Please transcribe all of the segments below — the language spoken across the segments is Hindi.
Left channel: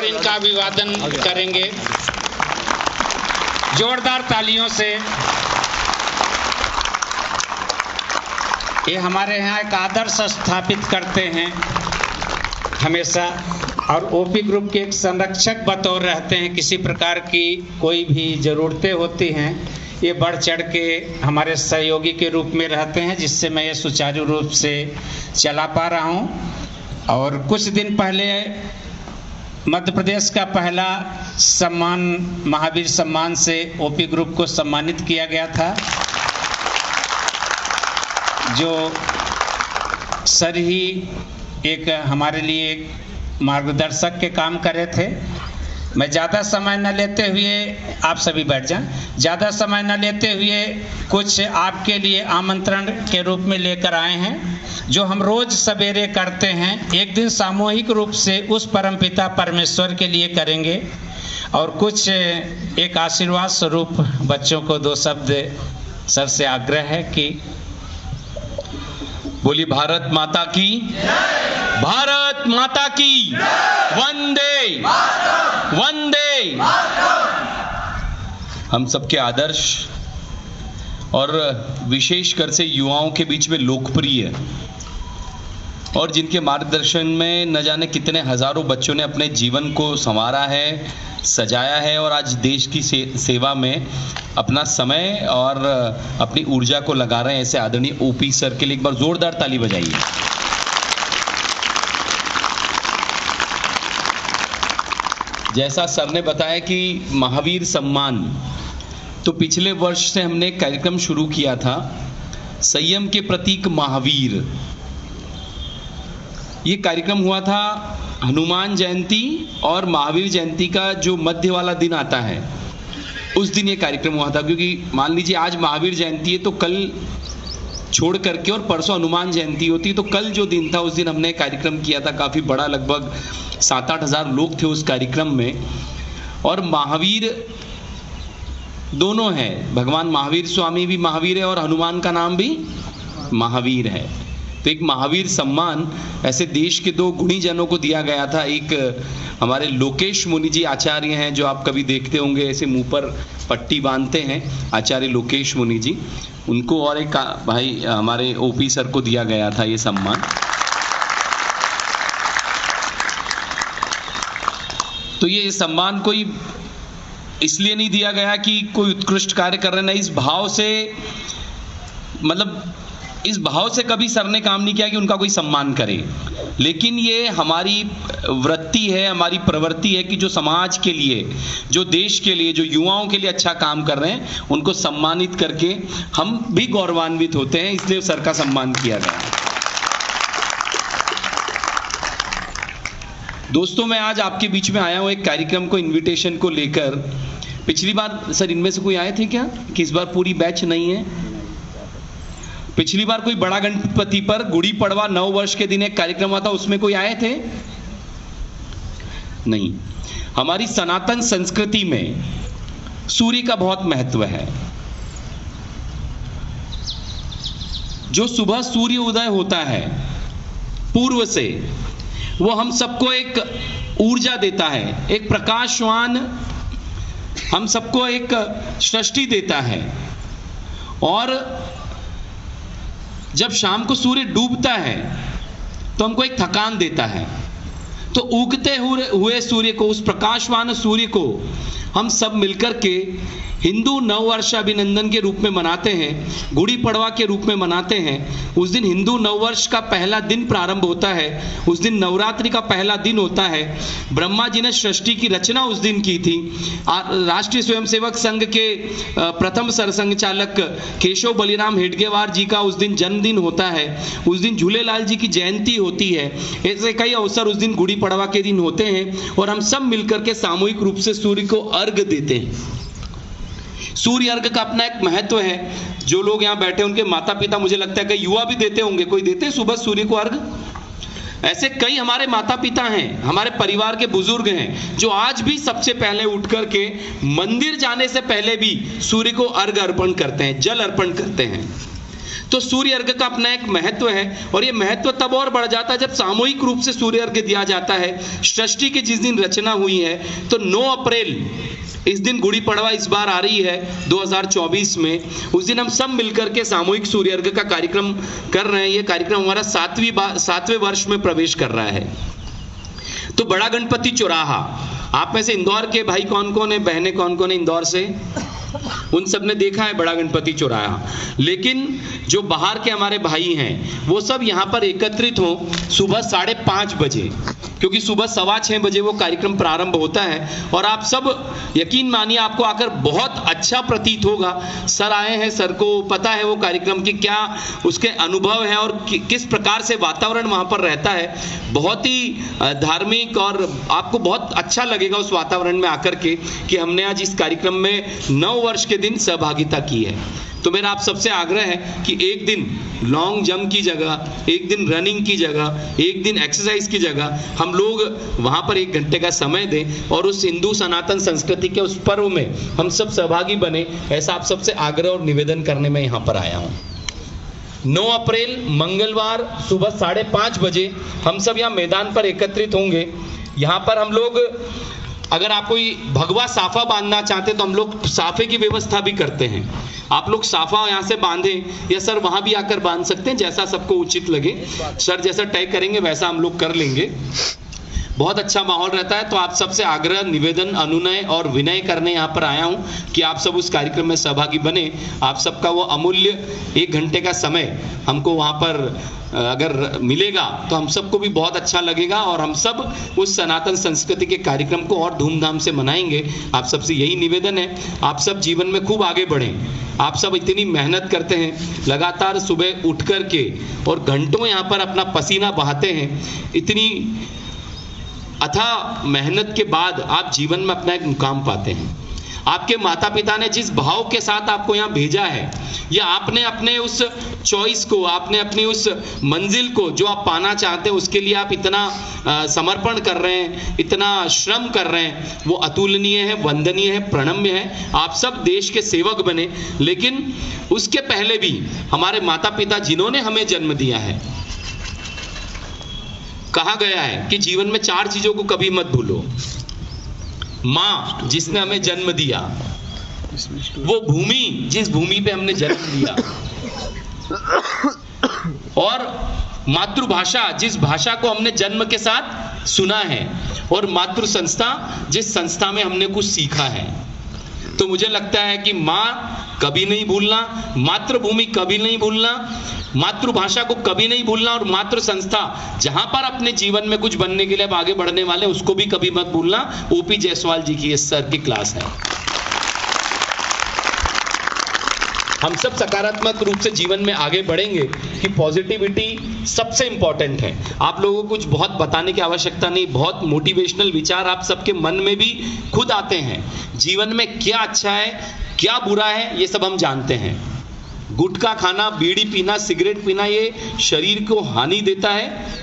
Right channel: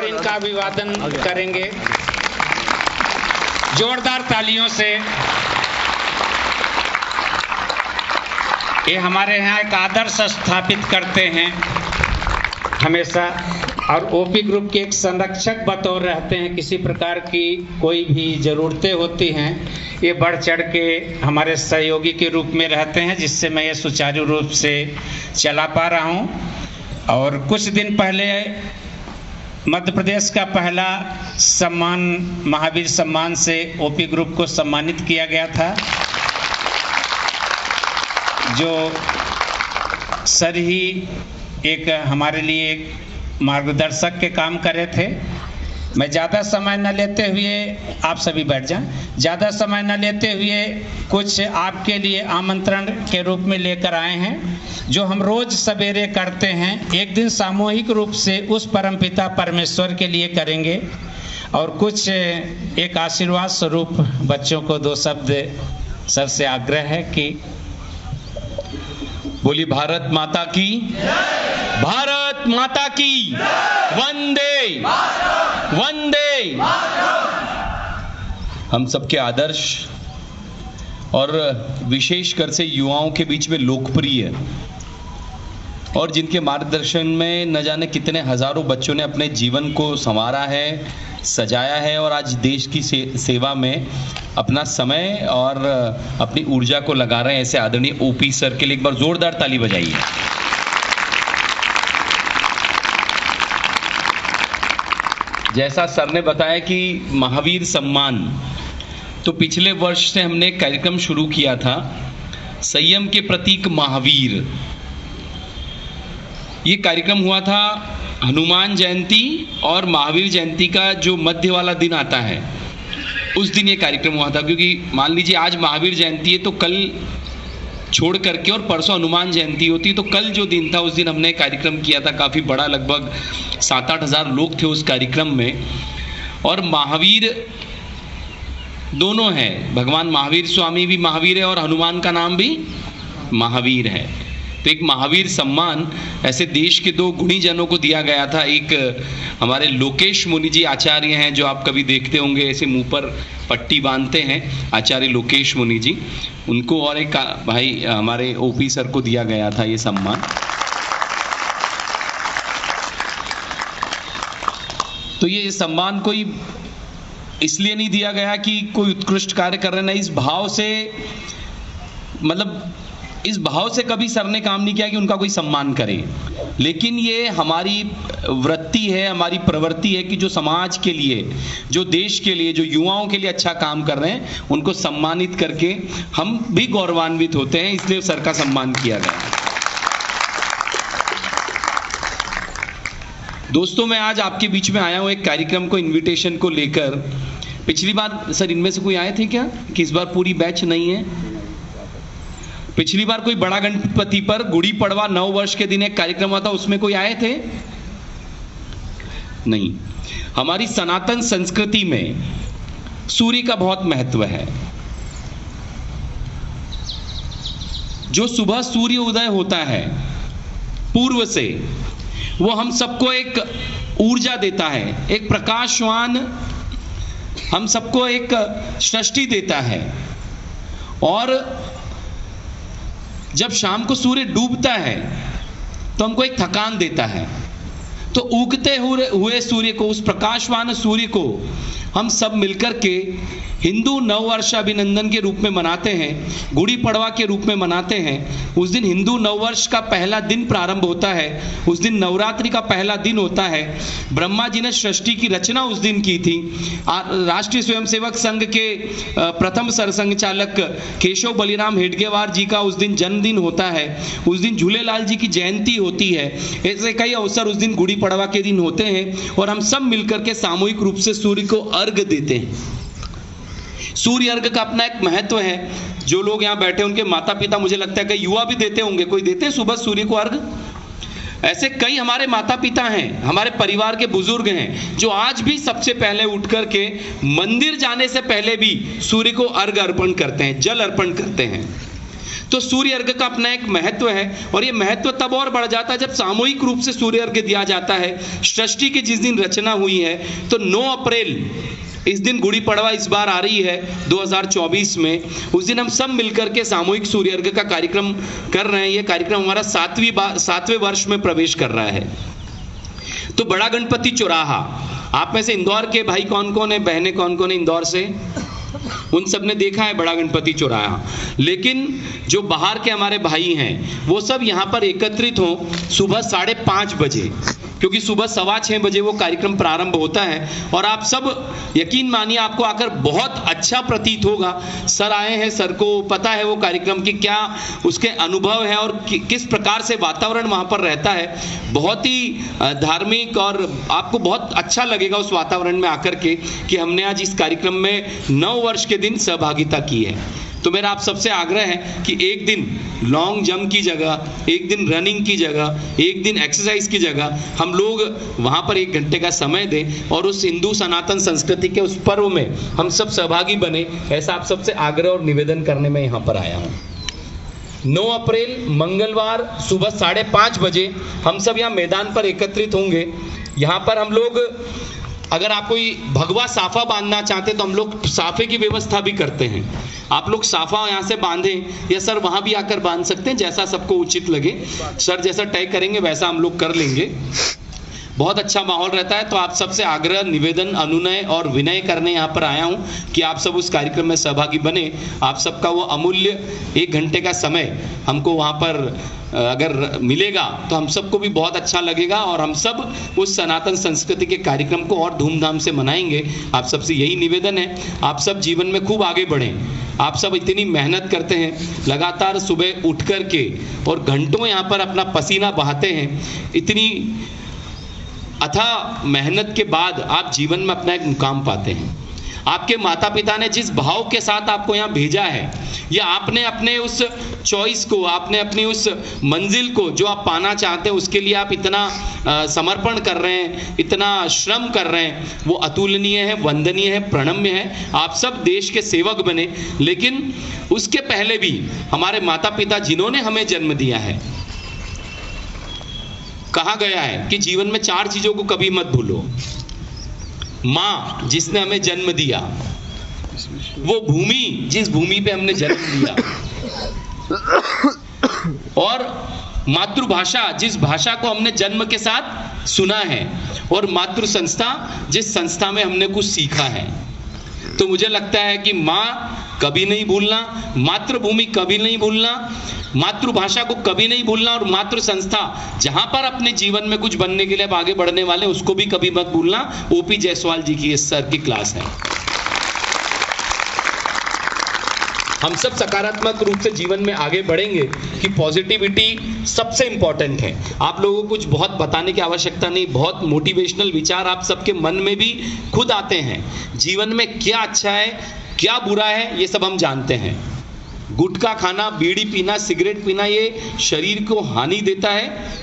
कर इनका अभिवादन करेंगे जोरदार तालियों से। ये हमारे यहाँ एक आदर्श स्थापित करते हैं हमेशा, और ओपी ग्रुप के एक संरक्षक बतौर रहते हैं। किसी प्रकार की कोई भी ज़रूरतें होती हैं, ये बढ़ चढ़ के हमारे सहयोगी के रूप में रहते हैं, जिससे मैं ये सुचारू रूप से चला पा रहा हूँ। और कुछ दिन पहले मध्य प्रदेश का पहला सम्मान महावीर सम्मान से ओपी ग्रुप को सम्मानित किया गया था, जो सर ही एक हमारे लिए एक मार्गदर्शक के काम करे थे। मैं ज़्यादा समय न लेते हुए, आप सभी बैठ जाएं, ज़्यादा समय न लेते हुए कुछ आपके लिए आमंत्रण के रूप में लेकर आए हैं, जो हम रोज़ सवेरे करते हैं। एक दिन सामूहिक रूप से उस परमपिता परमेश्वर के लिए करेंगे, और कुछ एक आशीर्वाद स्वरूप बच्चों को दो शब्द सर से आग्रह है कि बोली भारत माता की, भारत माता की, वंदे वंदे। हम सबके आदर्श और विशेषकर से युवाओं के बीच में लोकप्रिय, और जिनके मार्गदर्शन में न जाने कितने हजारों बच्चों ने अपने जीवन को संवारा है, सजाया है, और आज देश की सेवा में अपना समय और अपनी ऊर्जा को लगा रहे हैं। ऐसे आदरणीय ओपी सर के लिए एक बार जोरदार ताली बजाइए। जैसा सर ने बताया कि महावीर सम्मान, तो पिछले वर्ष से हमने एक कार्यक्रम शुरू किया था, संयम के प्रतीक महावीर। ये कार्यक्रम हुआ था हनुमान जयंती और महावीर जयंती का जो मध्य वाला दिन आता है, उस दिन ये कार्यक्रम हुआ था। क्योंकि मान लीजिए आज महावीर जयंती है, तो कल छोड़ करके और परसों हनुमान जयंती होती है, तो कल जो दिन था उस दिन हमने कार्यक्रम किया था, काफ़ी बड़ा, लगभग 7-8 हज़ार लोग थे उस कार्यक्रम में। और महावीर दोनों हैं, भगवान महावीर स्वामी भी महावीर है और हनुमान का नाम भी महावीर है। तो एक महावीर सम्मान ऐसे देश के दो गुणी जनों को दिया गया था। एक हमारे लोकेश मुनि जी आचार्य हैं, जो आप कभी देखते होंगे, ऐसे मुंह पर पट्टी बांधते हैं, आचार्य लोकेश मुनि जी, उनको, और एक भाई हमारे ओपी सर को दिया गया था ये सम्मान। तो ये सम्मान कोई इसलिए नहीं दिया गया कि कोई उत्कृष्ट कार्य कर रहे, नहीं, इस भाव से, मतलब इस भाव से कभी सर ने काम नहीं किया कि उनका कोई सम्मान करे, लेकिन ये हमारी वृत्ति है, हमारी प्रवृत्ति है कि जो समाज के लिए, जो देश के लिए, जो युवाओं के लिए अच्छा काम कर रहे हैं, उनको सम्मानित करके हम भी गौरवान्वित होते हैं, इसलिए सर का सम्मान किया गया। दोस्तों, मैं आज आपके बीच में आया हूं एक कार्यक्रम को, इन्विटेशन को लेकर। पिछली बार सर इनमें से कोई आए थे क्या, कि इस बार पूरी बैच नहीं है? पिछली बार कोई बड़ा गणपति पर गुड़ी पड़वा 9 वर्ष के दिन एक कार्यक्रम हुआ था, उसमें कोई आए थे? नहीं। हमारी सनातन संस्कृति में सूर्य का बहुत महत्व है। जो सुबह सूर्य उदय होता है पूर्व से, वो हम सबको एक ऊर्जा देता है, एक प्रकाशवान, हम सबको एक सृष्टि देता है। और जब शाम को सूर्य डूबता है तो हमको एक थकान देता है। तो उगते हुए सूर्य को, उस प्रकाशवान सूर्य को हम सब मिलकर के हिंदू नववर्ष अभिनंदन के रूप में मनाते हैं, गुड़ी पड़वा के रूप में मनाते हैं। उस दिन हिंदू नववर्ष का पहला दिन प्रारंभ होता है, उस दिन नवरात्रि का पहला दिन होता है। ब्रह्मा जी ने सृष्टि की रचना उस दिन की थी। राष्ट्रीय स्वयंसेवक संघ के प्रथम सरसंघ चालक केशव बलिराम हेडगेवार जी का उस दिन जन्मदिन होता है। उस दिन झूलेलाल जी की जयंती होती है। ऐसे कई अवसर उस दिन गुड़ी पड़वा के दिन होते हैं, और हम सब मिलकर के सामूहिक रूप से सूर्य को अर्घ देते हैं। सूर्य अर्घ का अपना एक महत्व है। जो लोग यहाँ बैठे उनके माता पिता, मुझे लगता है कि युवा भी देते होंगे, कोई देते हैं सुबह सूर्य को अर्घ? ऐसे कई हमारे माता पिता हैं, हमारे परिवार के बुजुर्ग हैं, जो आज भी सबसे पहले उठ करके मंदिर जाने से पहले भी सूर्य को अर्घ अर्पण करते हैं, जल अर्पण करते हैं। तो सूर्य अर्घ का अपना एक महत्व है, और ये महत्व तब और बढ़ जाता है जब सामूहिक रूप से सूर्य अर्घ दिया जाता है। सृष्टि की जिस दिन रचना हुई है, तो 9 अप्रैल इस दिन गुड़ी पड़वा इस बार आ रही है 2024 में, उस दिन हम सब मिलकर के सामूहिक सूर्य अर्घ का कार्यक्रम कर रहे हैं। ये कार्यक्रम हमारा 7वें वर्ष में प्रवेश कर रहा है। तो बड़ा गणपति चौराहा, आप में से इंदौर के भाई कौन कौन है, बहनें कौन कौन है इंदौर से? उन सब ने देखा है बड़ा गणपति चौराहा। लेकिन जो बाहर के हमारे भाई हैं वो सब यहाँ पर एकत्रित हो सुबह 5:30 बजे, क्योंकि सुबह 6:15 बजे वो कार्यक्रम प्रारंभ होता है। और आप सब यकीन मानिए आपको आकर बहुत अच्छा प्रतीत होगा। सर आए हैं, सर को पता है वो कार्यक्रम की क्या उसके अनुभव है और किस प्रकार से वातावरण वहाँ पर रहता है। बहुत ही धार्मिक, और आपको बहुत अच्छा लगेगा उस वातावरण में आकर के कि हमने आज इस कार्यक्रम में 9 वर्ष के दिन सहभागिता की है। तो मेरा आप सबसे आग्रह है कि एक दिन लॉन्ग जंप की जगह, एक दिन रनिंग की जगह, एक दिन एक्सरसाइज की जगह हम लोग वहां पर 1 घंटे का समय दें और उस हिंदू सनातन संस्कृति के उस पर्व में हम सब सहभागी बने। ऐसा आप सबसे आग्रह और निवेदन करने में यहाँ पर आया हूँ। 9 अप्रैल मंगलवार सुबह 5:30 बजे हम सब यहाँ मैदान पर एकत्रित होंगे। यहाँ पर हम लोग, अगर आप कोई भगवा साफा बांधना चाहते तो हम लोग साफे की व्यवस्था भी करते हैं। आप लोग साफा यहाँ से बांधें या सर वहां भी आकर बांध सकते हैं, जैसा सबको उचित लगे। सर जैसा तय करेंगे वैसा हम लोग कर लेंगे। बहुत अच्छा माहौल रहता है। तो आप सबसे आग्रह, निवेदन, अनुनय और विनय करने यहाँ पर आया हूँ कि आप सब उस कार्यक्रम में सहभागी बने। आप सबका वो अमूल्य 1 घंटे का समय हमको वहाँ पर अगर मिलेगा तो हम सबको भी बहुत अच्छा लगेगा, और हम सब उस सनातन संस्कृति के कार्यक्रम को और धूमधाम से मनाएंगे। आप सबसे यही निवेदन है, आप सब जीवन में खूब आगे बढ़ें। आप सब इतनी मेहनत करते हैं, लगातार सुबह उठ कर के और घंटों यहाँ पर अपना पसीना बहाते हैं। इतनी अथाह मेहनत के बाद आप जीवन में अपना एक मुकाम पाते हैं। आपके माता पिता ने जिस भाव के साथ आपको यहाँ भेजा है, या आपने अपने उस चॉइस को, आपने अपनी उस मंजिल को जो आप पाना चाहते हैं उसके लिए आप इतना समर्पण कर रहे हैं, इतना श्रम कर रहे हैं, वो अतुलनीय है, वंदनीय है, प्रणम्य है। आप सब देश के सेवक बने। लेकिन उसके पहले भी हमारे माता पिता जिन्होंने हमें जन्म दिया है, कहा गया है कि जीवन में 4 चीजों को कभी मत भूलो। माँ जिसने हमें जन्म दिया, वो भूमि जिस भूमि पे हमने जन्म लिया, और मातृभाषा जिस भाषा को हमने जन्म के साथ सुना है, और मातृ संस्था जिस संस्था में हमने कुछ सीखा है। तो मुझे लगता है कि माँ कभी नहीं भूलना, मातृभूमि कभी नहीं भूलना, मातृभाषा को कभी नहीं भूलना, और मातृ संस्था जहां पर अपने जीवन में कुछ बनने के लिए आगे बढ़ने वाले उसको भी कभी मत भूलना। ओपी जायसवाल जी की इस सर की क्लास है। हम सब सकारात्मक रूप से जीवन में आगे बढ़ेंगे कि पॉजिटिविटी सबसे इंपॉर्टेंट है। आप लोगों को कुछ बहुत बताने की आवश्यकता नहीं, बहुत मोटिवेशनल विचार आप सबके मन में भी खुद आते हैं। जीवन में क्या अच्छा है, क्या बुरा है, ये सब हम जानते हैं। गुटखा खाना, बीड़ी पीना, सिगरेट पीना, ये शरीर को हानि देता है,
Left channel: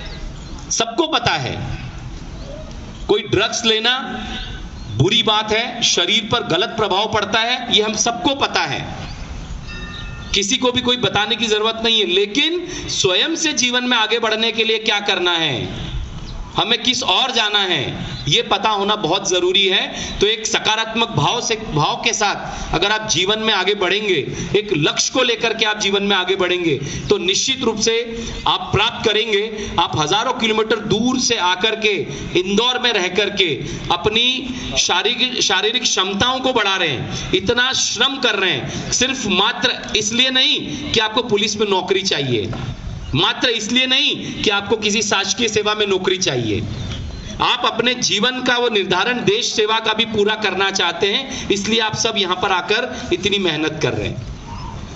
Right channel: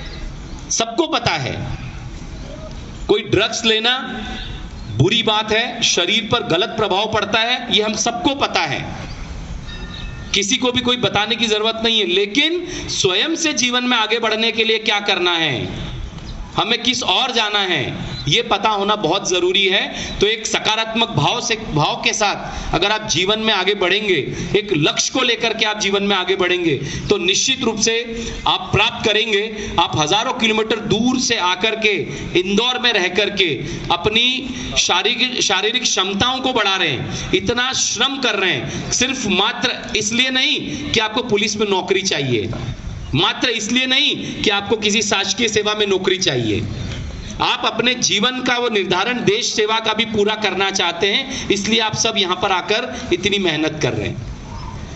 सबको पता है। कोई ड्रग्स लेना बुरी बात है, शरीर पर गलत प्रभाव पड़ता है, ये हम सबको पता है। किसी को भी कोई बताने की जरूरत नहीं है। लेकिन स्वयं से जीवन में आगे बढ़ने के लिए क्या करना है, हमें किस और जाना है, ये पता होना बहुत जरूरी है। तो एक सकारात्मक भाव के साथ अगर आप जीवन में आगे बढ़ेंगे, एक लक्ष्य को लेकर के आप जीवन में आगे बढ़ेंगे, तो निश्चित रूप से आप प्राप्त करेंगे। आप हजारों किलोमीटर दूर से आकर के इंदौर में रह करके अपनी शारीरिक क्षमताओं को बढ़ा रहे हैं, इतना श्रम कर रहे हैं, सिर्फ मात्र इसलिए नहीं कि आपको पुलिस में नौकरी चाहिए, मात्र इसलिए नहीं कि आपको किसी शासकीय सेवा में नौकरी चाहिए। आप अपने जीवन का वो निर्धारण देश सेवा का भी पूरा करना चाहते हैं, इसलिए आप सब यहां पर आकर इतनी मेहनत कर रहे हैं।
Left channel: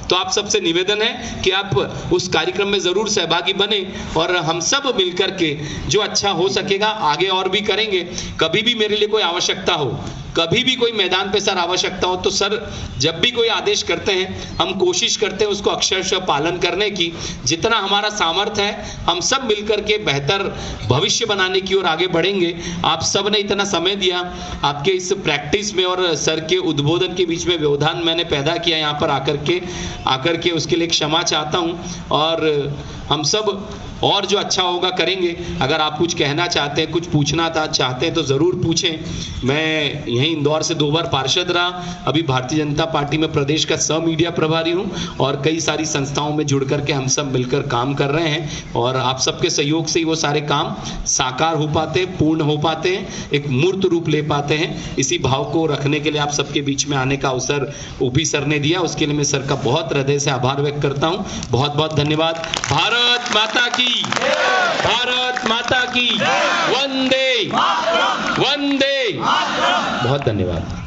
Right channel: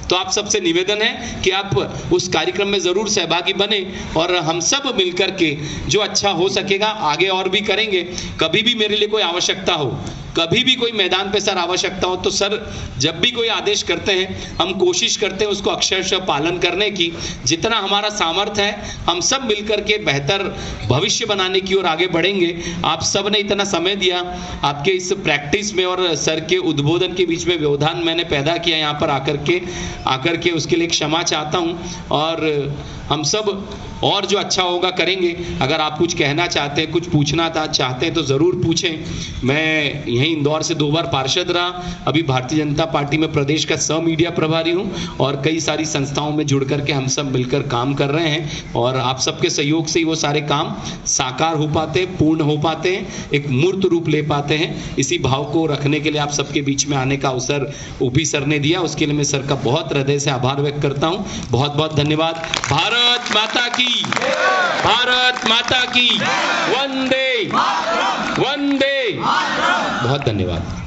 तो आप सबसे निवेदन है कि आप उस कार्यक्रम में जरूर सहभागी बने, और हम सब मिलकर के जो अच्छा हो सकेगा आगे और भी करेंगे। कभी भी मेरे लिए कोई आवश्यकता हो, कभी भी कोई मैदान पे सर आवश्यकता हो, तो सर जब भी कोई आदेश करते हैं हम कोशिश करते हैं उसको अक्षरशः पालन करने की। जितना हमारा सामर्थ्य है हम सब मिलकर के बेहतर भविष्य बनाने की ओर आगे बढ़ेंगे। आप सब ने इतना समय दिया, आपके इस प्रैक्टिस में और सर के उद्बोधन के बीच में व्यवधान मैंने पैदा किया यहाँ पर आकर के। आकर के उसके लिए क्षमा चाहता हूं और हम सब और जो अच्छा होगा करेंगे। अगर आप कुछ कहना चाहते हैं, कुछ पूछना चाहते हैं तो जरूर पूछें। मैं यहीं इंदौर से 2 बार पार्षद रहा, अभी भारतीय जनता पार्टी में प्रदेश का सह मीडिया प्रभारी हूं और कई सारी संस्थाओं में जुड़ करके हम सब मिलकर काम कर रहे हैं और आप सबके सहयोग से ही वो सारे काम साकार हो पाते, पूर्ण हो पाते हैं, एक मूर्त रूप ले पाते हैं। इसी भाव को रखने के लिए आप सबके बीच में आने का अवसर ओपी सर ने दिया, उसके लिए मैं सर का बहुत हृदय से आभार व्यक्त करता हूं। बहुत बहुत धन्यवाद। भारत माता की, भारत माता की, वंदे वंदे। बहुत धन्यवाद।